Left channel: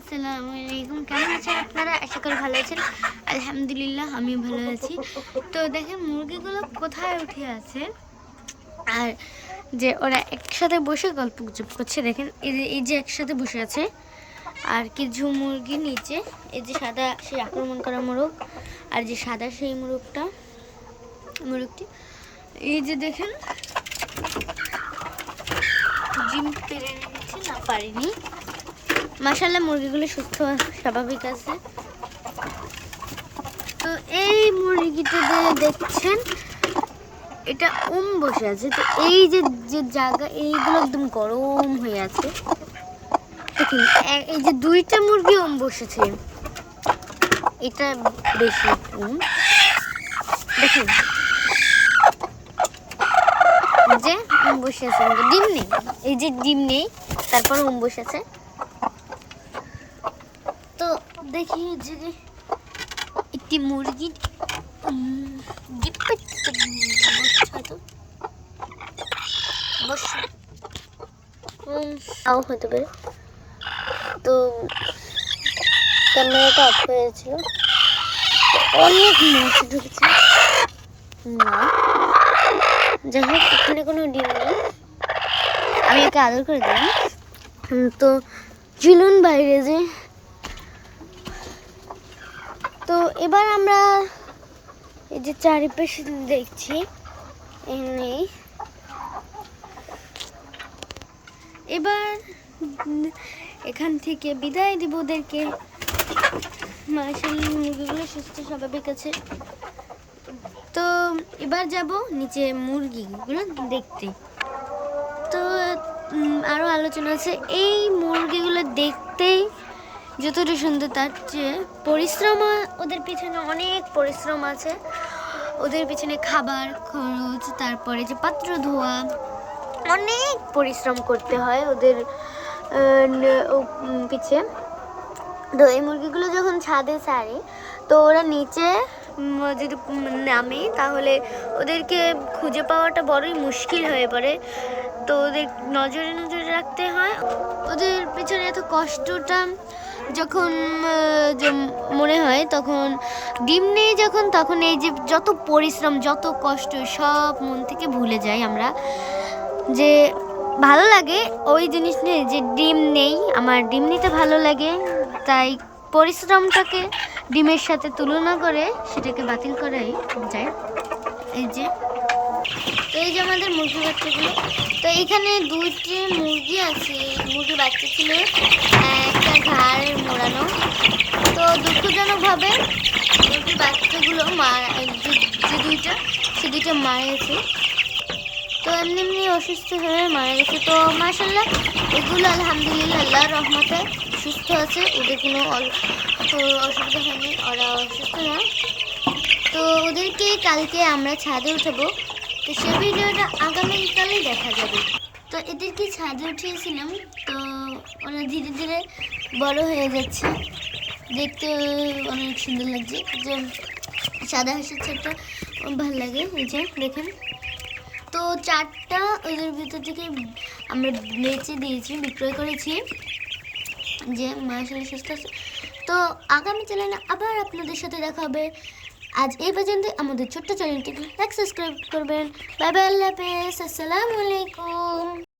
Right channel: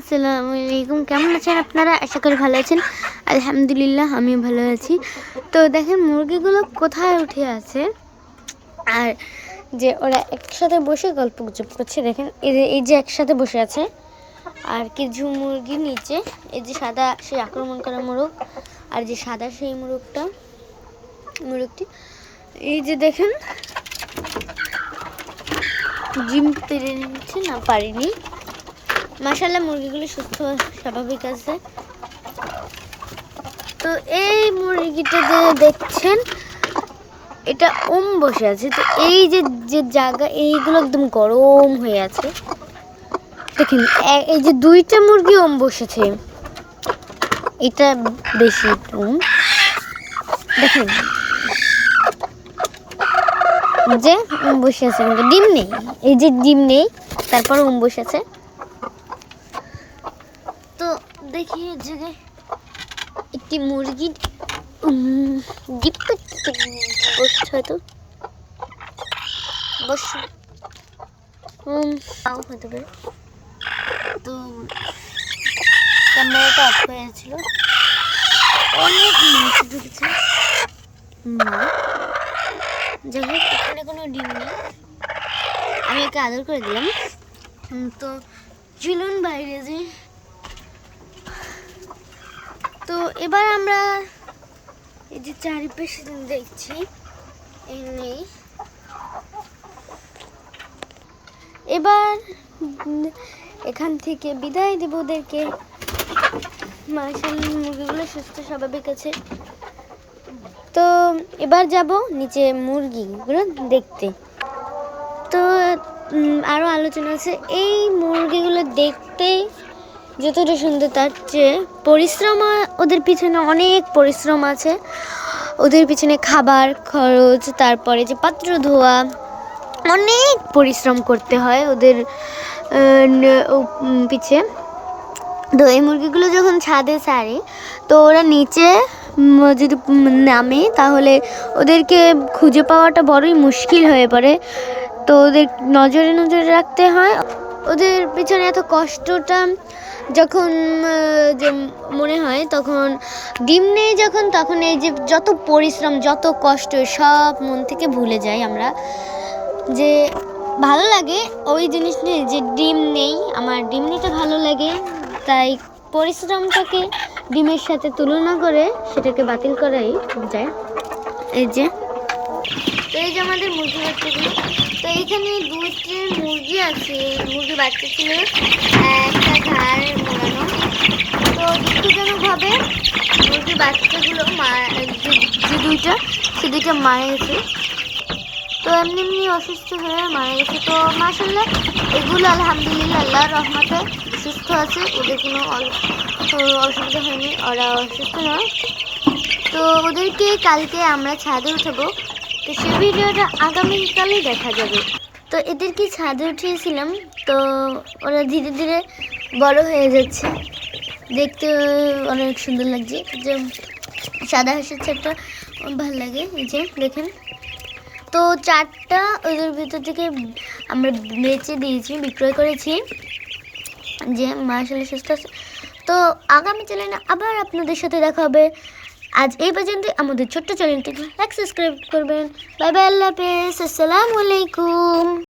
আসসালামু আলাইকুম। কেমন আছেন আপনারা? আশা করি ভালো আছেন। আলহামদুলিল্লাহ আমি ভালো আছি। তো দেখেন মুরগিগুলো কোথায় উঠে আছে আর যে ওরা একসাথে বসে গল্পগুজব করছে। দেখেন এই যে একসাথে বসে আছে আর কিছু মুরগি নিচে, এই যে সাদা সেই আক্রমণ করা মোরগ আর যে সাদা সেই মোরগটি এই যে দেখেন জিম পেরে নিচ্ছে না, পারিনি। মাশাআল্লাহ মুরগিগুলো সুস্থ স্বাভাবিক আছে। তো এই মুরগিটা যে দেখছেন এটা বসে আছে। তো এই যে যে জায়গা এইগুলো একদম গরম হয়ে আছে। দেখেন এই যে দুইটা মুরগি বসেছে, এটা বেশি দেখেন যে বসে আছে, ডিম নেই, এই যে ডিম নেই তারপর বসে আছে। তো দেখি যে একটি মুরগি বসছে, হয়তো হতে পারে। তো ক্যামেরাটা অফ হয়েছিল, অনেক মাংস ঢুকেছে না, যাই হোক এখানে কোনো ডিম নেই। আমি একে আদর করে দিলাম। তো ঝুলুন বাইরে যে। তো এবার আমরা এই যে চারিপাশে দেখছি, এবার এখান থেকে বিদায় দেব ওদেরকে। মাশাআল্লাহ মুরগিগুলো সুস্থ স্বাভাবিক আছে। তো এবার যাব নিচে মুরগিগুলো দেখতে। তো আরও আলোচনা আছে, এই মুরগিগুলো দেখতে যতটা সুন্দর তার চেয়ে পরিশ্রম, ওদের পিছনে অনেক পরিশ্রম আছে। ওদের পিছনে খাবার খরচ, তারপরে যে পাত্র ধোয়া, অনেক পরিশ্রম করতে হয় ওদের পিছে। তো এই মুরগিগুলো যখন ছাদে ছাড়ে তো ওরা নিচে যদি নামে তাহলে ওদেরকে খুঁজে পাওয়াটা বড়ই মুশকিল হয়ে পড়ে। তো ওদের নজরে রাখতে হয়। ওদের পিছনে এত কষ্টটা যখন যে মনে হয়, তখন ডিম নেই যখন, তখন এই যে যত পরিশ্রম যত কষ্ট সব মন থেকে ভুলে যাই আমরা। যে ভালো লাগে ওই জিনিস নিয়ে যে ডিম নেই, আমার ডিম নিতে ভালো লাগে, তাই পরিশ্রমটাকে ডিমের সাথে তুলনা করে সেটাকে বাতিল করাই যায়। এই যে তো এই যে আমাদের মুরগি বাচ্চাগুলো, তো এইখানে দুইটি মুরগি আছে, মুরগি বাচ্চা ছিল, একটা ঘাড় মোড়ানো। তো দুঃখজনকভাবে মুরগি বাচ্চাগুলো যে দুইটা মারা গেছে। তো এমনি অসুস্থ হয়ে মারা গেছে। তো মাশাআল্লাহ এগুলো আলহামদুলিল্লাহ আল্লাহর রহমতে সুস্থ আছে, ওদের কোনো অসুবিধা হয়নি, ওরা অসুস্থ নয়। তো ওদেরকে কালকে আমরা ছাদে উঠাবো, তো সে ভিডিওটা আগামীকালই দেখা যাবে। তো এদেরকে ছাদে উঠিয়েছিলাম, তো ওরা ধীরে ধীরে বড় হয়ে যাচ্ছে, দেখতে অনেক সুন্দর লাগছে। যে সাদা হাঁসের ছাদটা ভালো লাগে। এই যে দেখেন, তো 4টা ওদের ভিতর থেকে আমরা বেচে দিয়েছি, বিক্রয় করেছি। যে মাশাআল্লাহ সুস্থ আছে। তো আগামী চ্যানেলে আবার আপনাদের সাথে দেখা হবে। আজ এই পর্যন্ত। আমাদের ছোট্ট চ্যানেলটিকে লাইক সাবস্ক্রাইব করবেন। বাই বাই, আল্লাহ হাফেজ, আসসালামু আলাইকুম।